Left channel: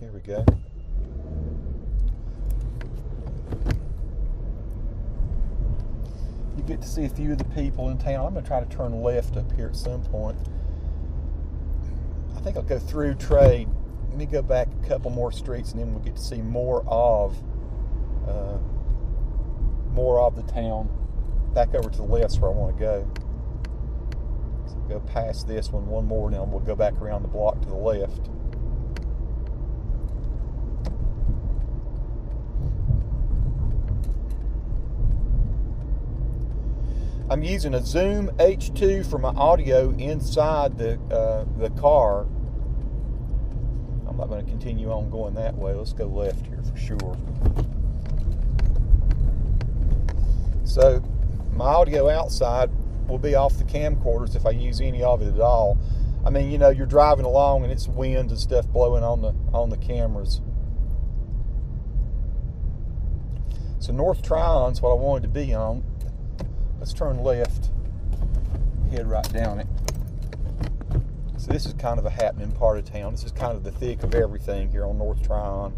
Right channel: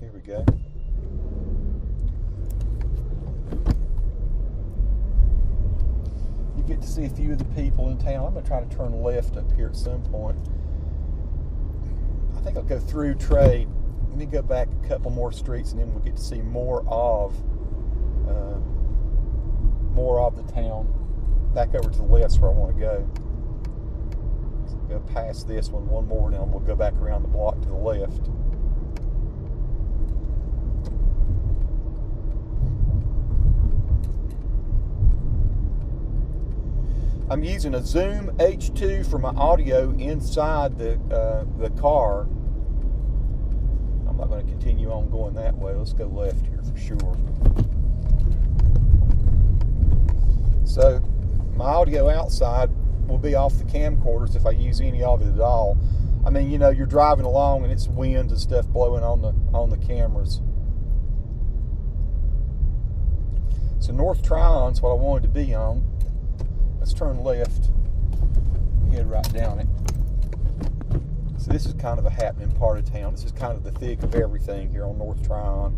Here we go. You get to see a few of the people in town. I'm going to try to turn left up here at some point. I think I'll go through Trade. Let me go back a couple more streets, and then we'll get to see more of the town. Back over to the left is where I want to go. So go past this one more, and then we'll go back around the block to the left. I'm using a Zoom H2 for my audio inside the car. I'm not going to continue on going that way. Let's go left here for sure. So my audio outside will be off the camcorders if I use any of it at all. I mean, you know, you're driving along and it's wind and stuff blowing on the cameras. So North Tryon's what I wanted to be on. Let's turn left, head right down it. So this is kind of a happening part of town. This is kind of the thick of everything here on North Tryon.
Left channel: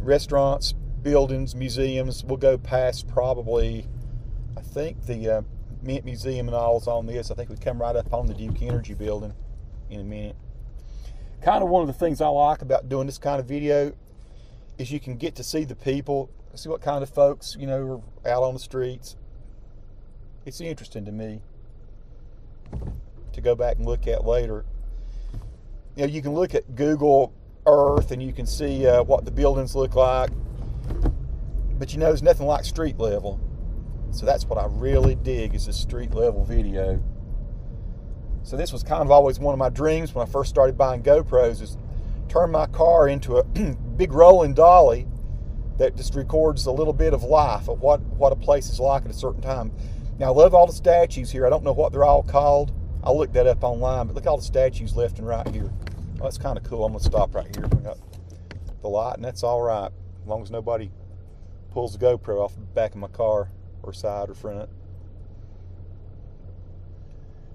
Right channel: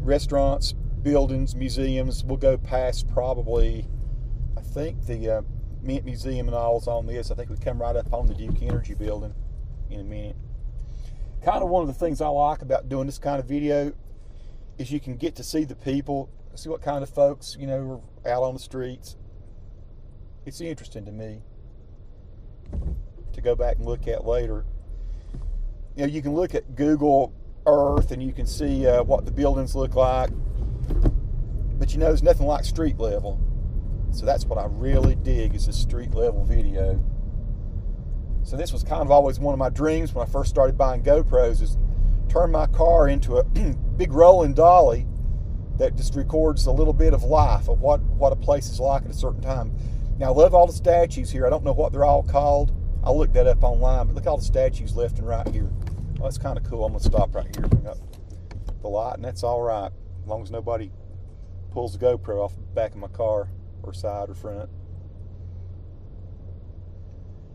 Restaurants, buildings, museums. We'll go past probably, I think the Mint Museum and all is on this. I think we come right up on the Duke Energy building in a minute. Kind of one of the things I like about doing this kind of video is you can get to see the people, see what kind of folks, you know, are out on the streets. It's interesting to me to go back and look at later. You know, you can look at Google Earth and you can see what the buildings look like, but you know, there's nothing like street level. So that's what I really dig, is this street level video. So this was kind of always one of my dreams when I first started buying GoPros, is turn my car into a big rolling dolly that just records a little bit of life of what a place is like at a certain time. Now, I love all the statues here. I don't know what they're all called. I'll look that up online, but look at all the statues left and right here. Well, that's kind of cool. I'm going to stop right here. We got the light, and that's all right, as long as nobody pulls the GoPro off the back of my car or side or front.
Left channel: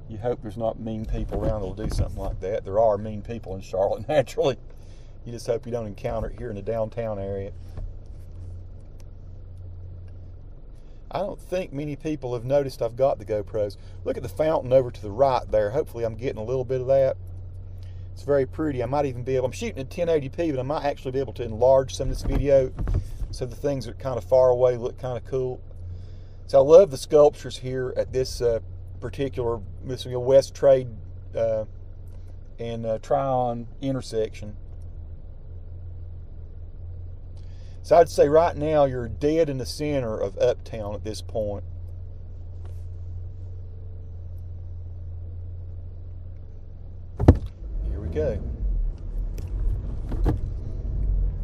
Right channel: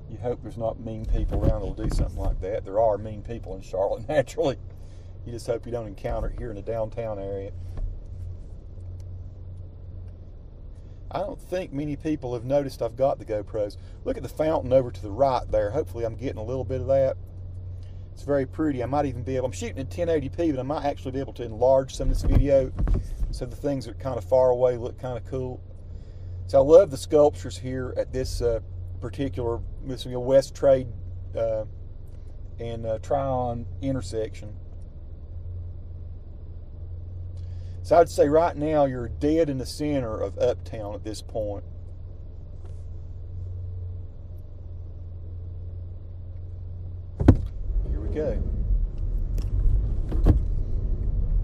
You hope there's not mean people around that'll do something like that. There are mean people in Charlotte, naturally. You just hope you don't encounter it here in the downtown area. I don't think many people have noticed I've got the GoPros. Look at the fountain over to the right there. Hopefully I'm getting a little bit of that. It's very pretty. I might even be able, I'm shooting at 1080p, but I might actually be able to enlarge some of this video so the things that are kind of far away look kind of cool. So I love the sculptures here at this particular West Trade and Tryon intersection. So I'd say right now you're dead in the center of Uptown at this point. Here we go.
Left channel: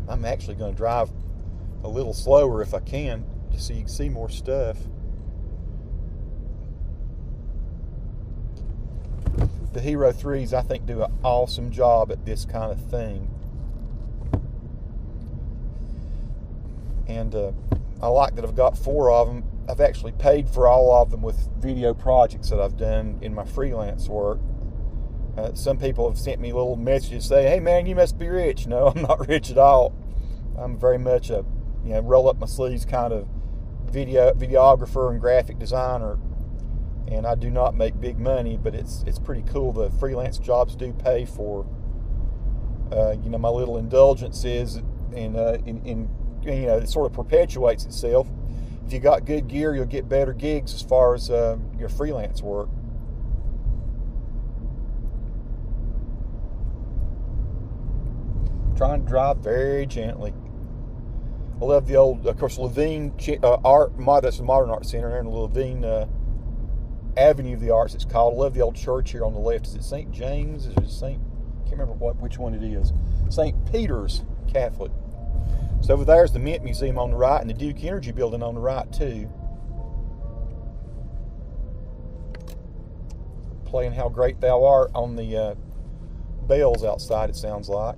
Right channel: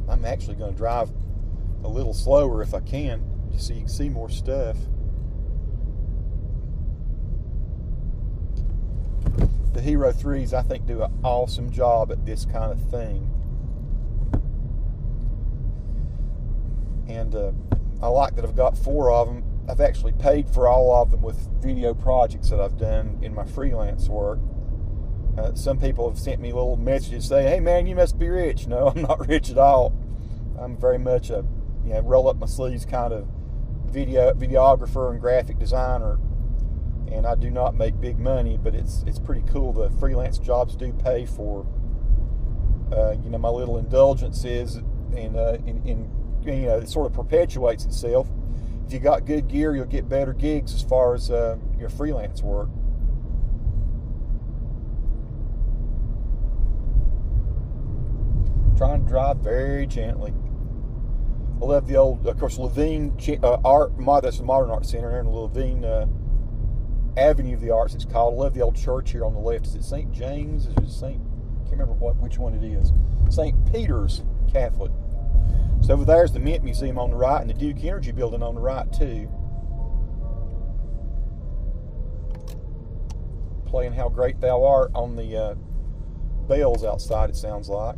I'm actually going to drive a little slower if I can, just so you can see more stuff. The Hero 3s, I think, do an awesome job at this kind of thing. And I like that I've got 4 of them. I've actually paid for all of them with video projects that I've done in my freelance work. Some people have sent me little messages saying, "Hey man, you must be rich." No, I'm not rich at all. I'm very much a, you know, roll up my sleeves kind of videographer and graphic designer. And I do not make big money, but it's pretty cool. The freelance jobs do pay for, you know, my little indulgences, and you know, it sort of perpetuates itself. If you got good gear, you'll get better gigs as far as your freelance work. Trying to drive very gently. I love the old, of course, Levine that's the Modern Art Center there in the Levine Avenue of the Arts, it's called. I love the old church here on the left. Is it St. James? Is it St. I can't remember which one it is. St. Peter's Catholic. So over there's the Mint Museum on the right and the Duke Energy building on the right too. Playing How Great Thou Art on the bells outside, it sounds like.